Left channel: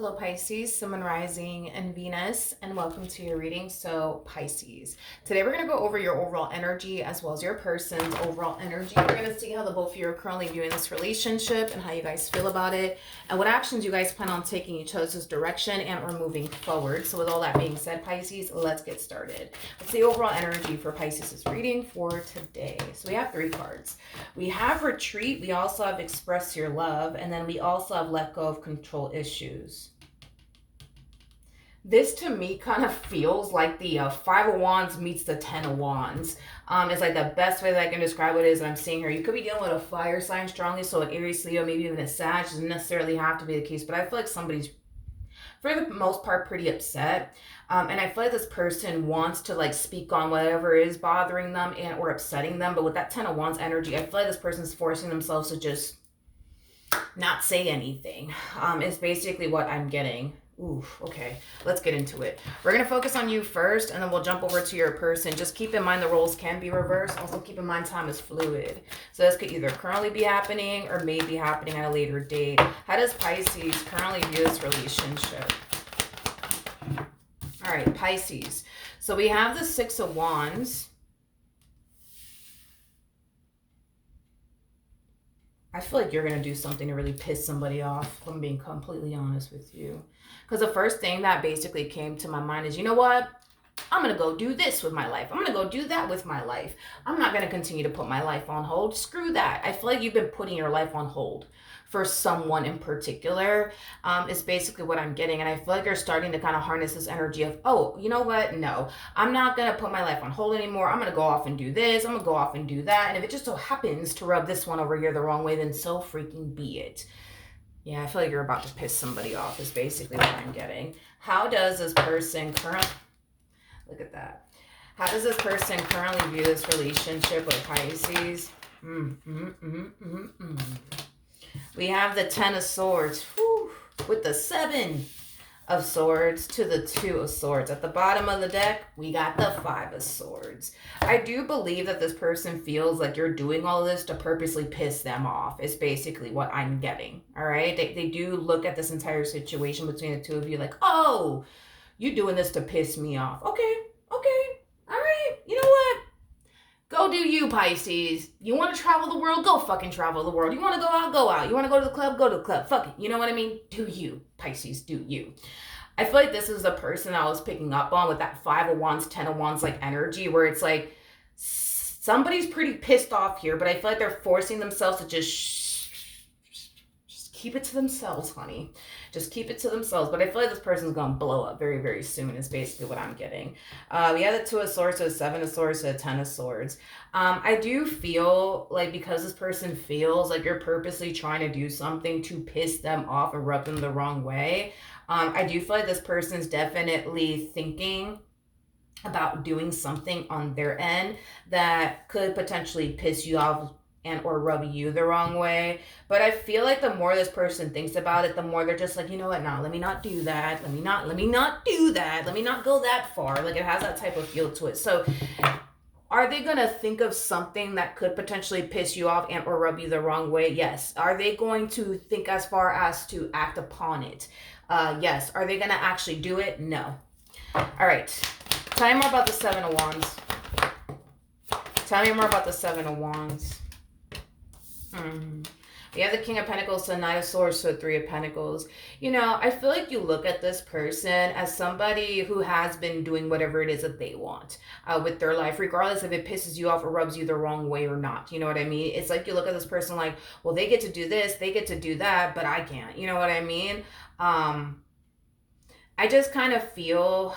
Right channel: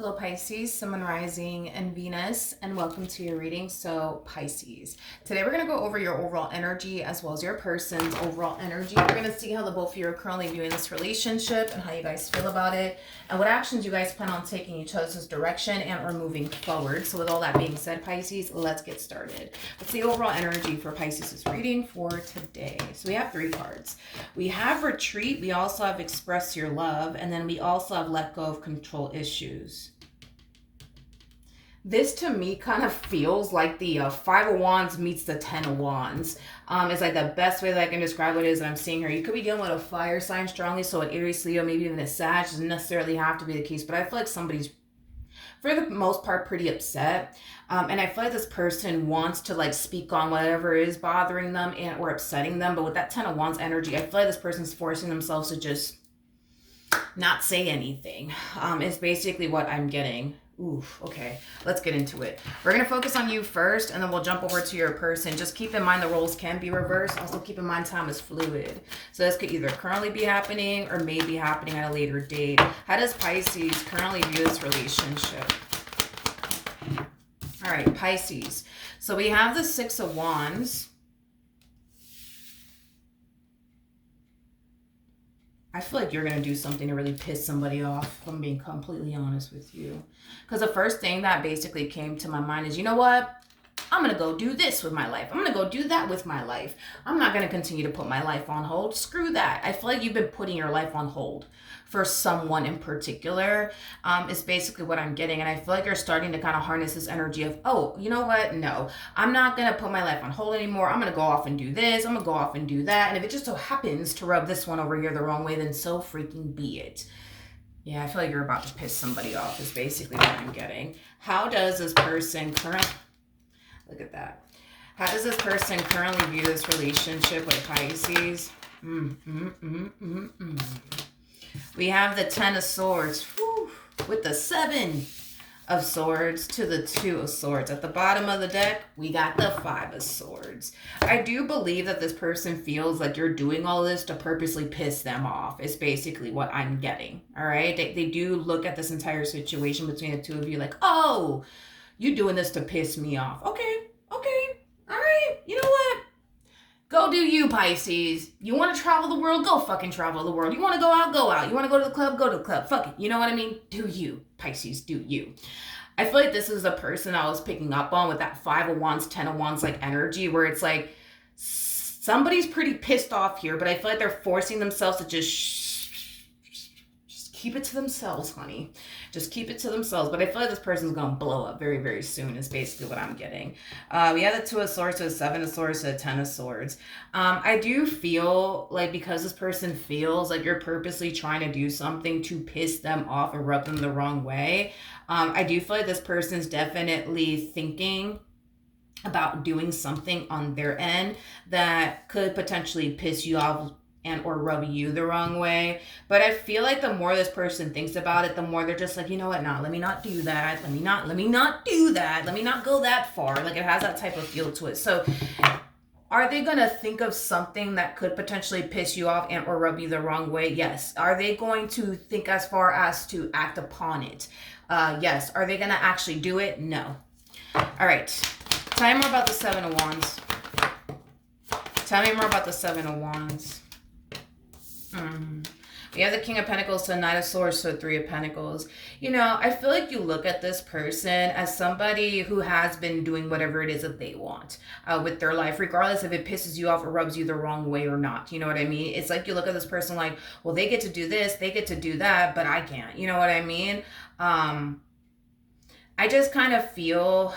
Hello Pisces, Sun, Moon, Rising, and Venus, and welcome to your reading. So Pisces, today we're going to go over your overall energy as well as your person's overall energy. We're going to see how the both of you are currently viewing this relationship and how you guys feel about it, and what actions you guys plan on taking each other's direction and or moving forward. So with all that being said, Pisces, let's get started. What's the overall energy for Pisces' reading for today? So we have 3 cards. We have retreat, we also have express your love, and then we also have let go of control issues. This to me kind of feels like the 5 of Wands meets the 10 of Wands. It's like the best way that I can describe what it is that I'm seeing here. You could be dealing with a fire sign strongly, so an Aries, Leo, maybe even a Sag. Doesn't necessarily have to be the case, but I feel like somebody's, for the most part, pretty upset. And I feel like this person wants to like speak on whatever is bothering them and or upsetting them. But with that 10 of Wands energy, I feel like this person's forcing themselves to just not say anything. Is basically what I'm getting. Oof, okay, let's get into it. We're going to focus on you first, and then we'll jump over to your person. Just keep in mind the roles can be reversed. Also keep in mind time is fluid. So this could either currently be happening or may be happening at a later date. How does Pisces currently view this relationship? All right, Pisces. So we have the 6 of Wands. I feel like you're going to do something to really piss somebody off, if I'm being completely honest with you. Because the first thing that basically came to my mind is, you know what? I'm going to go do this with my life. I'm going to go do that with my life. I'm not going to continue to put my life on hold. Screw that. I feel like you've been putting your life on hold for someone in particular, is basically what I'm getting. And I feel like you're starting to kind of harness this energy of, oh, you know what? No, I'm not going to put my life on hold anymore. I'm going to go off and do this. I'm going to go off and do that. And if it just so happens to rub this one over here the wrong way, then so freaking be it. Yeah, I feel like you're about to piss somebody off is basically what I'm getting. How does this person look at that. How does this person currently view this relationship with Pisces? We have the 10 of Swords, with the 7 of Swords to the 2 of Swords. At the bottom of the deck, we got the 5 of Swords. I do believe that this person feels like you're doing all this to purposely piss them off, is basically what I'm getting, all right? They do look at this entire situation between the two of you like, oh, you doing this to piss me off. Okay, all right, you know what? Go do you, Pisces. You want to travel the world? Go fucking travel the world. You want to go out? Go out. You want to go to the club? Go to the club. Fuck it. You know what I mean? Do you, Pisces, do you. I feel like this is the person I was picking up on with that 5 of Wands, 10 of Wands like energy, where it's like somebody's pretty pissed off here, but I feel like they're forcing themselves to just keep it to themselves, honey. Just keep it to themselves. But I feel like this person's going to blow up very, very soon is basically what I'm getting. We have the 2 of Swords, so 7 of Swords, so 10 of Swords. I do feel like because this person feels like you're purposely trying to do something to piss them off or rub them the wrong way, I do feel like this person's definitely thinking about doing something on their end that could potentially piss you off and or rub you the wrong way. But I feel like the more this person thinks about it, the more they're just like, you know what, no, let me not do that. Let me not do that. Let me not go that far. Like it has that type of feel to it. So are they going to think of something that could potentially piss you off and or rub you the wrong way? Yes. Are they going to think as far as to act upon it? Yes. Are they going to actually do it? No. All right. Tell me more about the 7 of Wands. Tell me more about the 7 of Wands. We have the King of Pentacles to the Knight of Swords to the 3 of Pentacles. You know, I feel like you look at this person as somebody who has been doing whatever it is that they want with their life, regardless if it pisses you off or rubs you the wrong way or not. You know what I mean? It's like you look at this person like, well, they get to do this, they get to do that, but I can't. You know what I mean? I just kind of feel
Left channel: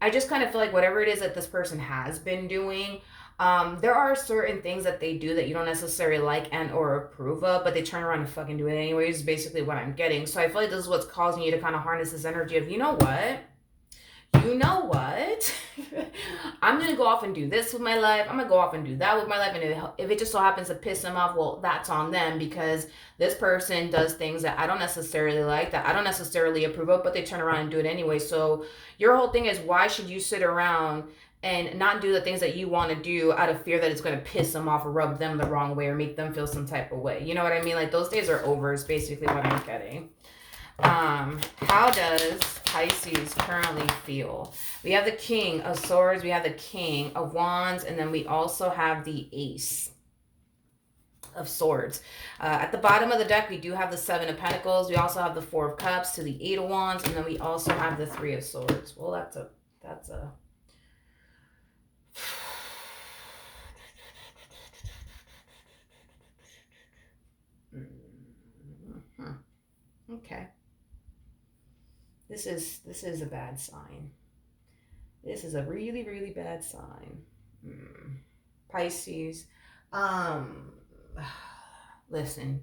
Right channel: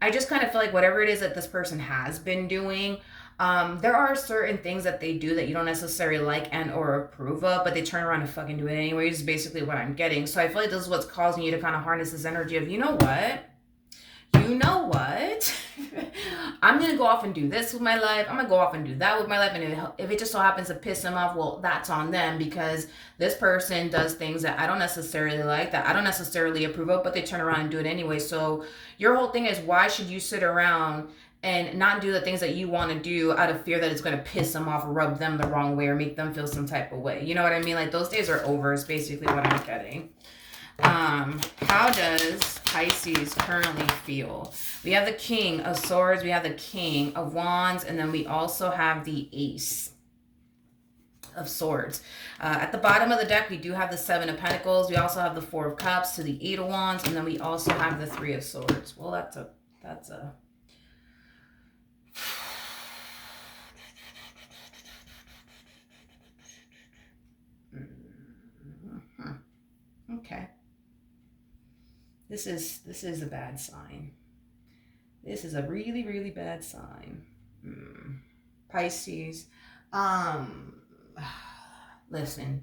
like whatever it is that this person has been doing, there are certain things that they do that you don't necessarily like and or approve of, but they turn around and fucking do it anyways, is basically what I'm getting. So I feel like this is what's causing you to kind of harness this energy of, you know what? I'm going to go off and do this with my life. I'm going to go off and do that with my life. And if it just so happens to piss them off, well, that's on them, because this person does things that I don't necessarily like, that I don't necessarily approve of, but they turn around and do it anyway. So your whole thing is, why should you sit around and not do the things that you want to do out of fear that it's going to piss them off or rub them the wrong way or make them feel some type of way? You know what I mean? Like, those days are over is basically what I'm getting. How does Pisces currently feel? We have the King of Swords, we have the King of Wands, and then we also have the Ace of Swords. At the bottom of the deck, we do have the Seven of Pentacles. We also have the Four of Cups to the Eight of Wands, and then we also have the Three of Swords. Well, that's a okay. This is a bad sign. This is a really, really bad sign. Pisces. Um listen,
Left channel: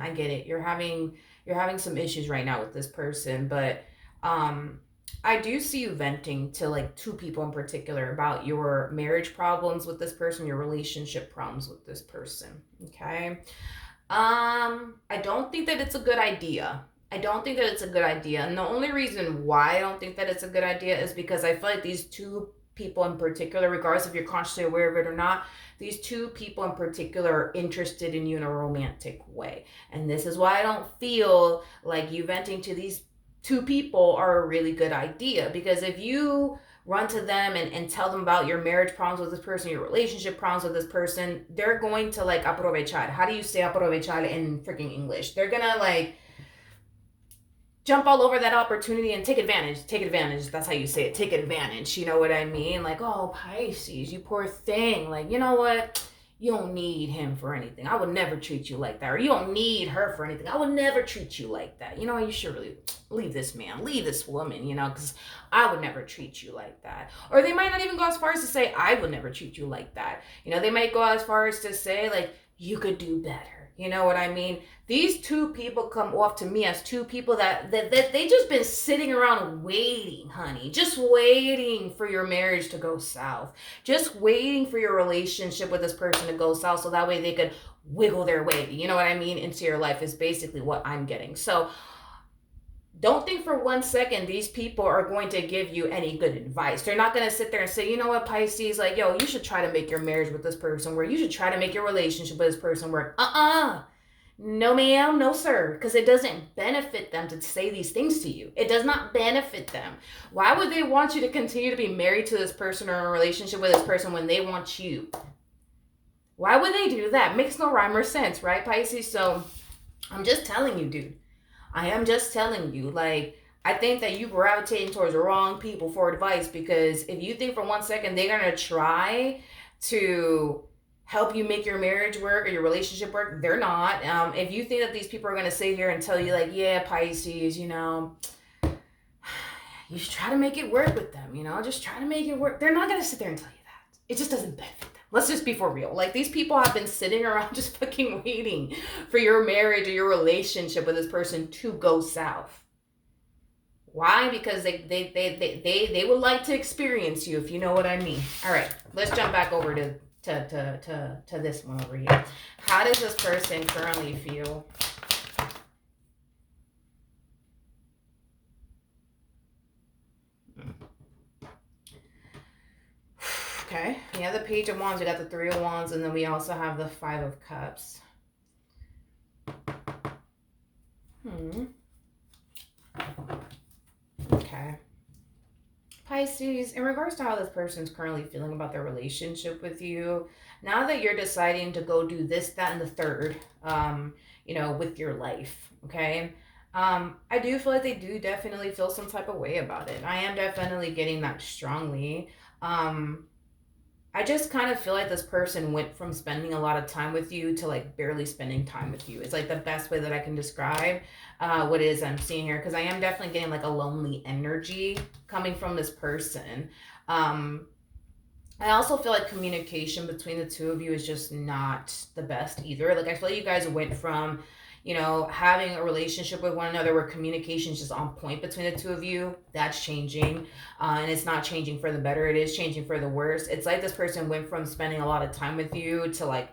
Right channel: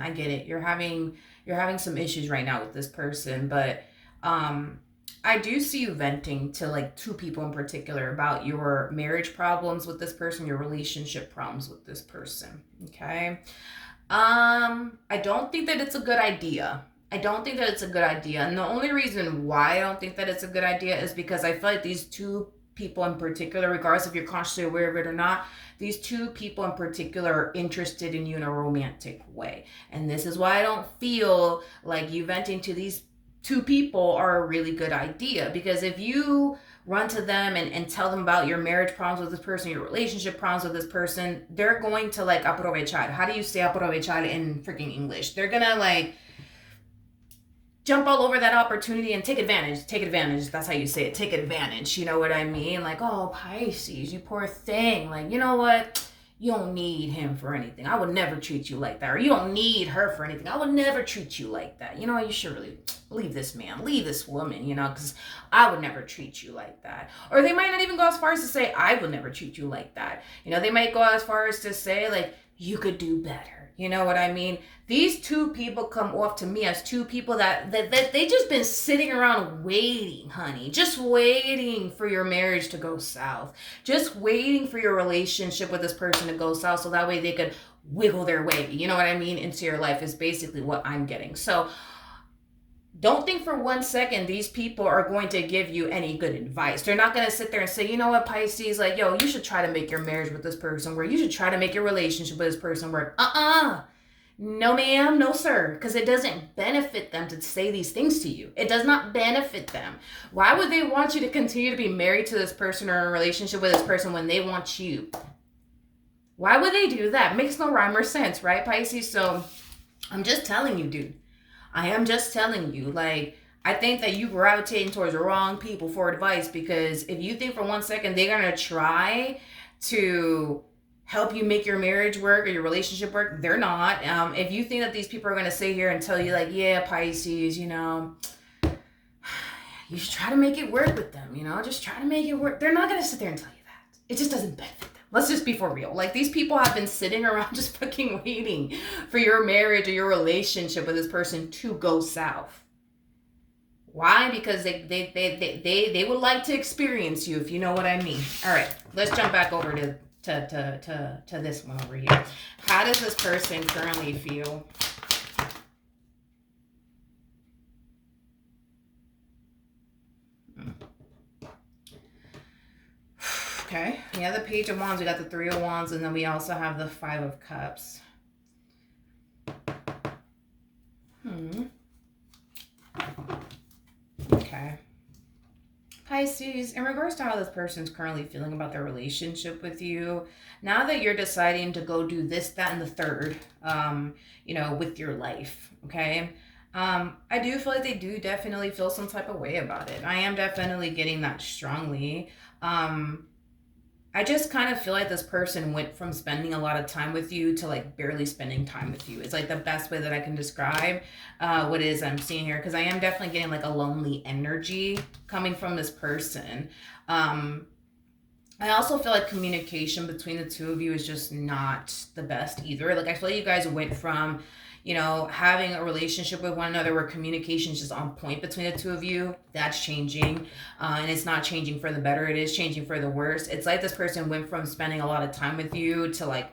I get it. You're having some issues right now with this person, but I do see you venting to like two people in particular about your marriage problems with this person, your relationship problems with this person. Okay. I don't think that it's a good idea. I don't think that it's a good idea. And the only reason why I don't think that it's a good idea is because I feel like these two people in particular, regardless if you're consciously aware of it or not, these two people in particular are interested in you in a romantic way. And this is why I don't feel like you venting to these two people are a really good idea. Because if you run to them and tell them about your marriage problems with this person, your relationship problems with this person, they're going to like aprovechar. How do you say aprovechar in freaking English? They're gonna like jump all over that opportunity and take advantage. Take advantage. That's how you say it. Take advantage. You know what I mean? Like, oh, Pisces, you poor thing. Like, you know what? You don't need him for anything. I would never treat you like that. Or you don't need her for anything. I would never treat you like that. You know what? You should really leave this man, leave this woman, you know, because I would never treat you like that. Or they might not even go as far as to say, I will never treat you like that. You know, they might go as far as to say, like, you could do better. You know what I mean? These two people come off to me as two people that they just been sitting around waiting, honey. Just waiting for your marriage to go south. Just waiting for your relationship with this person to go south so that way they could wiggle their way, you know what I mean, into your life is basically what I'm getting. So don't think for 1 second these people are going to give you any good advice. They're not going to sit there and say, you know what, Pisces, like, yo, you should try to make your marriage with this person work. You should try to make your relationship with this person work. No, ma'am, no, sir, because it doesn't benefit them to say these things to you. It does not benefit them. Why would they want you to continue to be married to this person or in a relationship with this person when they want you? Why would they do that? Makes no rhyme or sense, right, Pisces? So I'm just telling you, dude. I am just telling you, like, I think that you gravitating towards the wrong people for advice, because if you think for 1 second they're going to try to help you make your marriage work or your relationship work, they're not. If you think that these people are going to sit here and tell you, like, yeah, Pisces, you know, you should try to make it work with them, you know, just try to make it work. They're not going to sit there and tell you that. It just doesn't benefit them. Let's just be for real. Like, these people have been sitting around just fucking waiting for your marriage or your relationship with this person to go south. Why? Because they would like to experience you, if you know what I mean. All right, let's jump back over to this one over here. How does this person currently feel? Okay, we have the Page of Wands, we got the Three of Wands, and then we also have the Five of Cups. Okay. Pisces, in regards to how this person's currently feeling about their relationship with you, now that you're deciding to go do this, that, and the third, you know, with your life, okay? I do feel like they do definitely feel some type of way about it. I am definitely getting that strongly. I just kind of feel like this person went from spending a lot of time with you to like barely spending time with you. It's like the best way that I can describe what it is I'm seeing here, because I am definitely getting like a lonely energy coming from this person. I also feel like communication between the two of you is just not the best either. Like, I feel like you guys went from, you know, having a relationship with one another where communication is just on point between the two of you. That's changing. And it's not changing for the better. It is changing for the worse. It's like this person went from spending a lot of time with you to like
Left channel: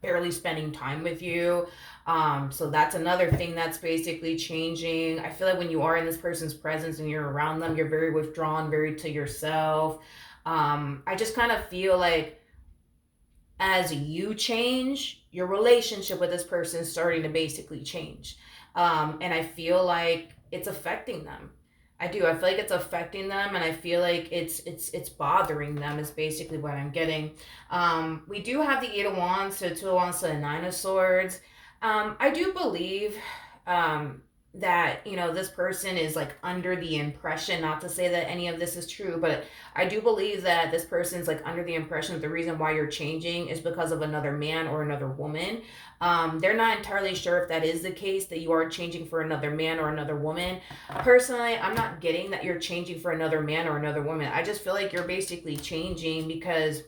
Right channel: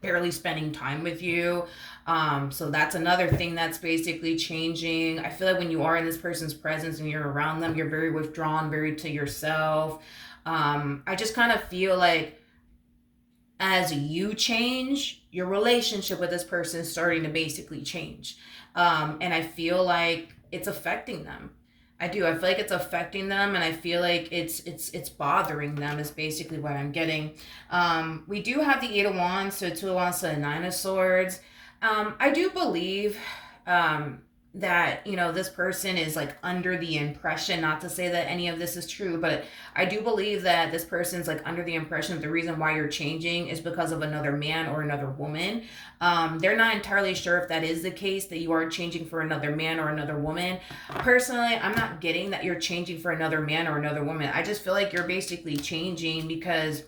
barely spending time with you. So that's another thing that's basically changing. I feel like when you are in this person's presence and you're around them, you're very withdrawn, very to yourself. I just kind of feel like as you change, your relationship with this person is starting to basically change. And I feel like it's affecting them. I do. I feel like it's affecting them, and I feel like it's bothering them. Is basically what I'm getting. We do have the Eight of Wands, so Two of Wands, so the Nine of Swords. I do believe that this person is like under the impression, not to say that any of this is true, but I do believe that this person's like under the impression that the reason why you're changing is because of another man or another woman. They're not entirely sure if that is the case, that you are changing for another man or another woman. Personally, I'm not getting that you're changing for another man or another woman. I just feel like you're basically changing because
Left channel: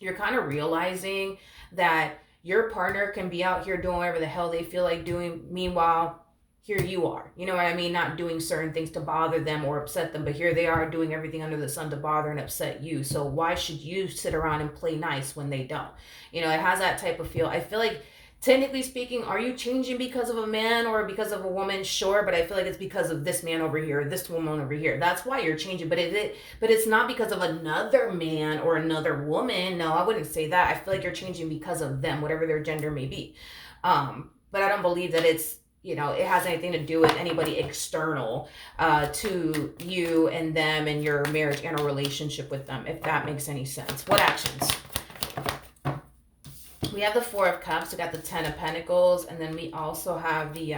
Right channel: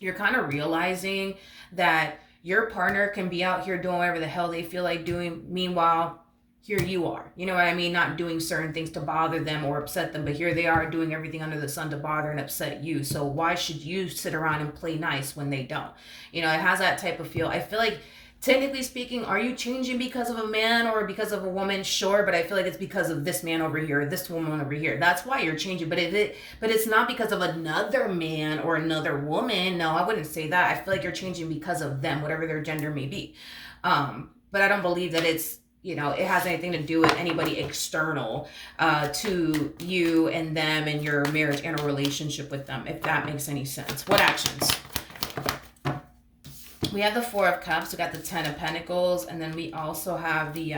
you're kind of realizing that your partner can be out here doing whatever the hell they feel like doing. Meanwhile, here you are. You know what I mean? Not doing certain things to bother them or upset them, but here they are doing everything under the sun to bother and upset you. So why should you sit around and play nice when they don't? It has that type of feel. I feel like, technically speaking, are you changing because of a man or because of a woman? Sure, but I feel like it's because of this man over here, or this woman over here. That's why you're changing. But it's not because of another man or another woman. No, I wouldn't say that. I feel like you're changing because of them, whatever their gender may be. But I don't believe that it has anything to do with anybody external to you and them and your marriage and a relationship with them, if that makes any sense. What actions? We have the Four of Cups, we got the Ten of Pentacles, and then we also have the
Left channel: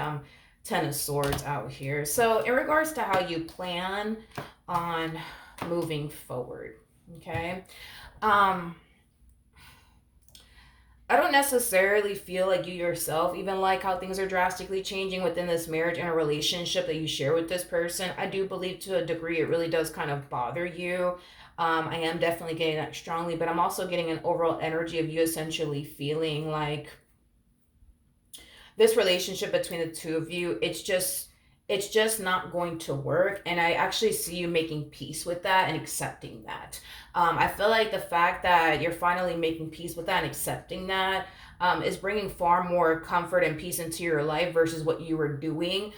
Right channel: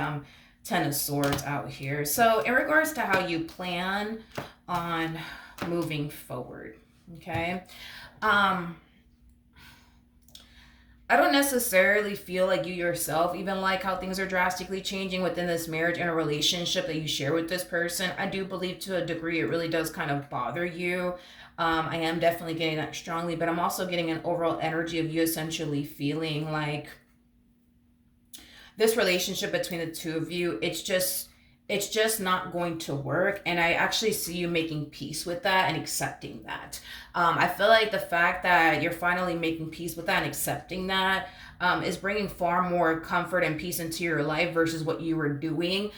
Ten of Swords out here. So in regards to how you plan on moving forward, okay? I don't necessarily feel like you yourself even like how things are drastically changing within this marriage and a relationship that you share with this person. I do believe to a degree it really does kind of bother you. I am definitely getting that strongly, but I'm also getting an overall energy of you essentially feeling like this relationship between the two of you, it's just not going to work. And I actually see you making peace with that and accepting that. I feel like the fact that you're finally making peace with that and accepting that is bringing far more comfort and peace into your life versus what you were doing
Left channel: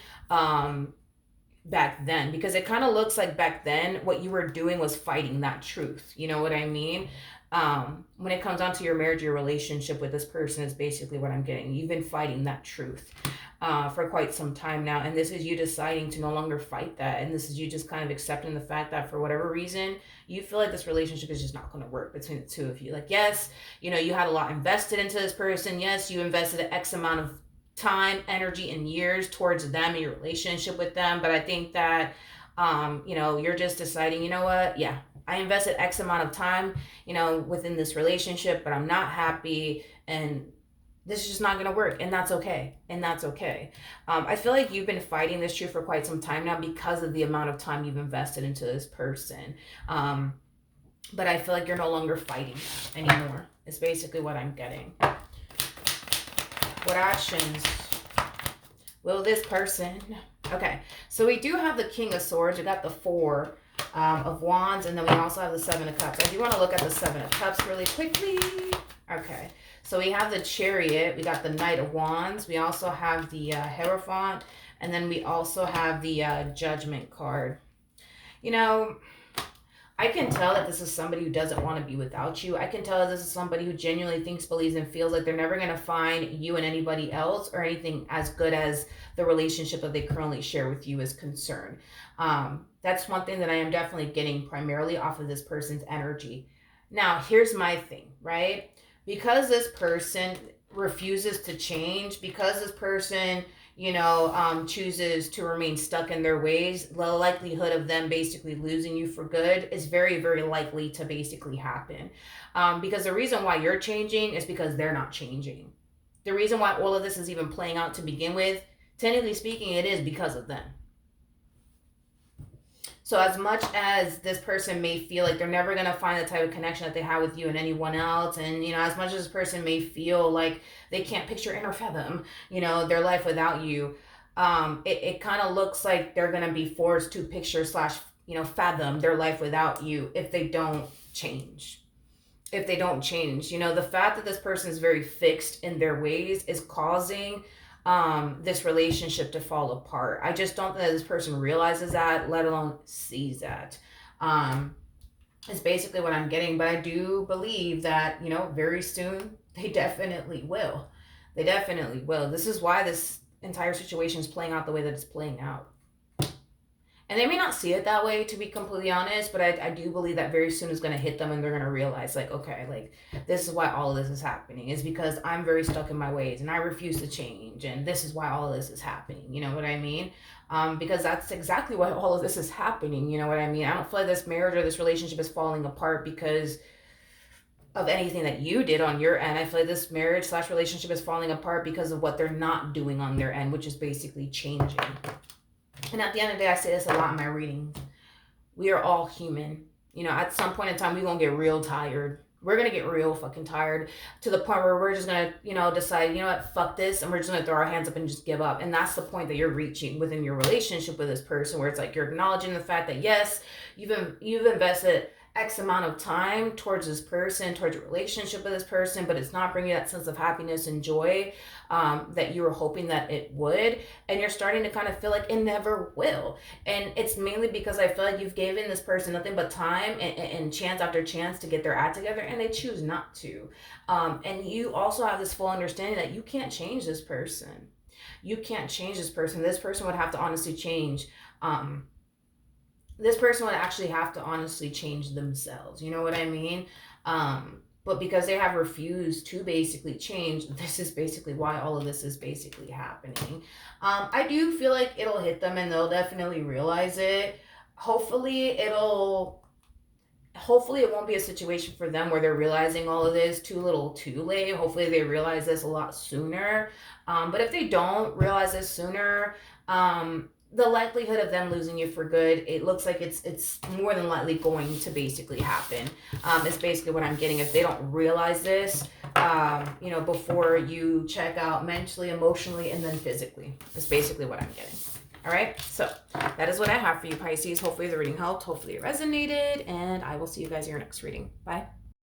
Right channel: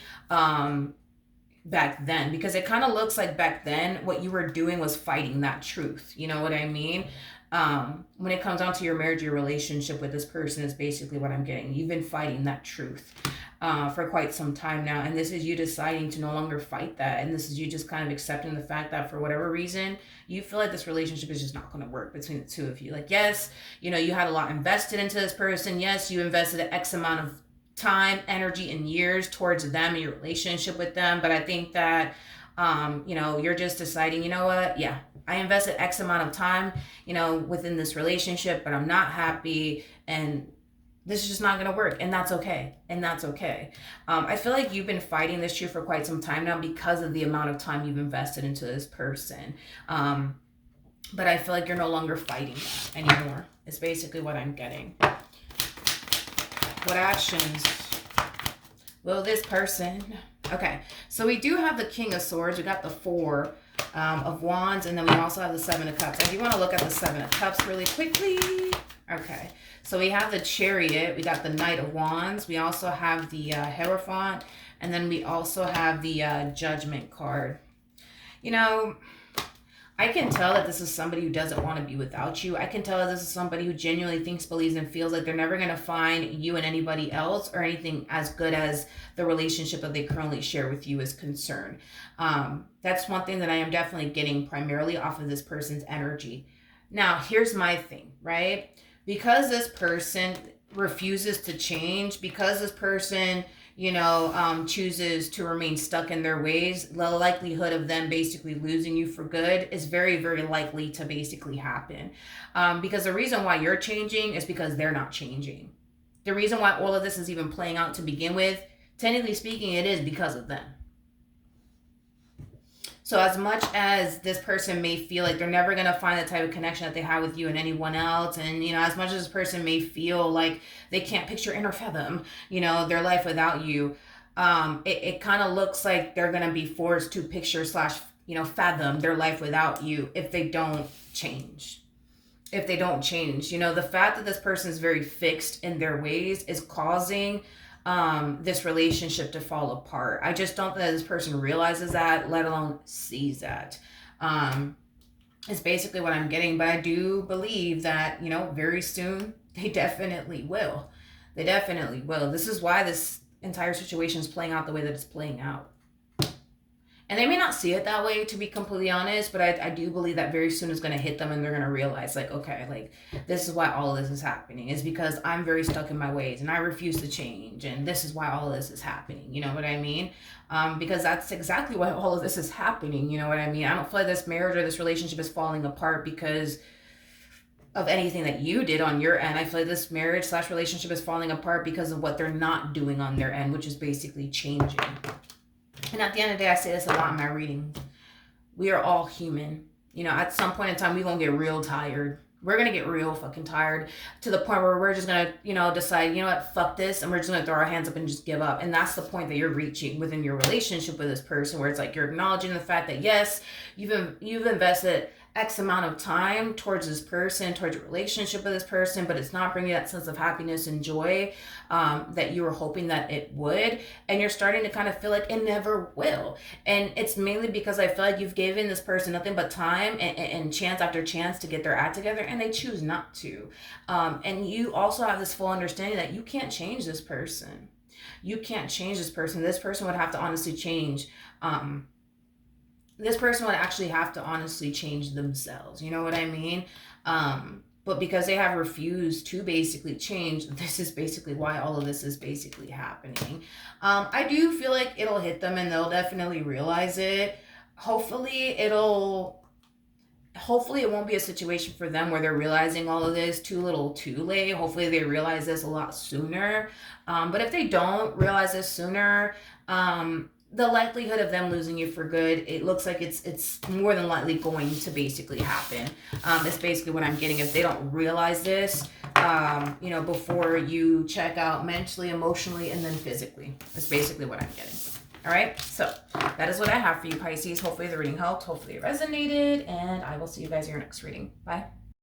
back then. Because it kind of looks like back then what you were doing was fighting that truth. You know what I mean? When it comes down to your marriage, your relationship with this person is basically what I'm getting. You've been fighting that truth for quite some time now, and this is you deciding to no longer fight that, and this is you just kind of accepting the fact that for whatever reason you feel like this relationship is just not going to work between the two of you. Like, yes, you had a lot invested into this person. Yes, you invested an X amount of time, energy, and years towards them and your relationship with them, but I think that you're just deciding, you know what, yeah, I invested X amount of time within this relationship, but I'm not happy, and this is just not going to work, and that's okay. I feel like you've been fighting this truth for quite some time now because of the amount of time you've invested into this person. But I feel like you're no longer fighting anymore. It's basically what I'm getting. What actions will this person... Okay, so we do have the King of Swords. We got the Four of Wands, and then we also have the Seven of Cups. I do want to look at the Seven of Cups really quickly. Okay, so we have the Chariot. We got the Knight of Wands. We also have the Hierophant, and then we also have the Judgment card. I can tell that this is somebody who doesn't want to be without you. I can tell that this is somebody who genuinely thinks, believes, and feels like they're never going to find you and anybody else or anything as good as the relationship that they currently share with you is concerned. That's one thing that I am definitely getting primarily off of this person's energy. Now, here's my thing, right? Because this person refuses to change, because this person chooses to remain stuck in their ways, the likelihood of them basically losing you for good is very, very likely to basically happen. Because the reason why you're changing is because they're not changing. The reason why all of this is even playing out to begin with, technically speaking, it is because of them. So as much as this person may feel like they're never going to find the type of connection that they have with you and anyone else, and, as much as this person may feel like they can't picture and or fathom, their life without you, it kind of looks like they're going to be forced to picture / fathom their life without you if they don't change. The fact that this person is very fixed in their ways is causing this relationship to fall apart. I just don't think that this person realizes that, let alone sees that. It's basically what I'm getting, but I do believe that, very soon they definitely will. This is why this entire situation is playing out the way that it's playing out. And they may not see it that way, to be completely honest, but I do believe that very soon it's going to hit them and they're going to realize, like, okay, like, this is why all of this is happening. It's because I'm very stuck in my ways and I refuse to change. And this is why all of this is happening. You know what I mean? Because that's exactly why all of this is happening. You know what I mean? I don't feel like this marriage or this relationship is falling apart because of anything that you did on your end. I feel like this marriage / relationship is falling apart because of what they're not doing on their end, which is basically changing. And at the end of the day, I say this a lot in my readings. We are all human. You know, at some point in time, we're going to get real tired. We're going to get real fucking tired to the point where we're just going to, you know, decide, you know what, fuck this. And we're just going to throw our hands up and just give up. And that's the point that you're reaching within your relationship with this person, where it's like you're acknowledging the fact that, yes, you've invested X amount of time towards this person, towards your relationship with this person, but it's not bringing that sense of happiness and joy that you were hoping that it would. And you're starting to kind of feel like it never will. And it's mainly because I feel like you've given this person nothing but time and chance after chance to get their act together, and they choose not to. And you also have this full understanding that you can't change this person. You can't change this person. This person would have to honestly change. This person would actually have to honestly change themselves. You know what I mean? But because they have refused to basically change, this is basically why all of this is basically happening. I do feel like it'll hit them and they'll definitely realize it. Hopefully it won't be a situation for them where they're realizing all of this too little too late. Hopefully they realize this a lot sooner. But if they don't realize this sooner, the likelihood of them losing you for good, it looks like it's more than likely going to basically happen. It's basically what I'm getting. If they don't realize this, you know, before you check out mentally, emotionally, and then physically. That's basically what I'm getting. All right, so that is what I have for you, Pisces. Hopefully the reading helped. Hopefully it resonated, and I will see you guys in your next reading. Bye.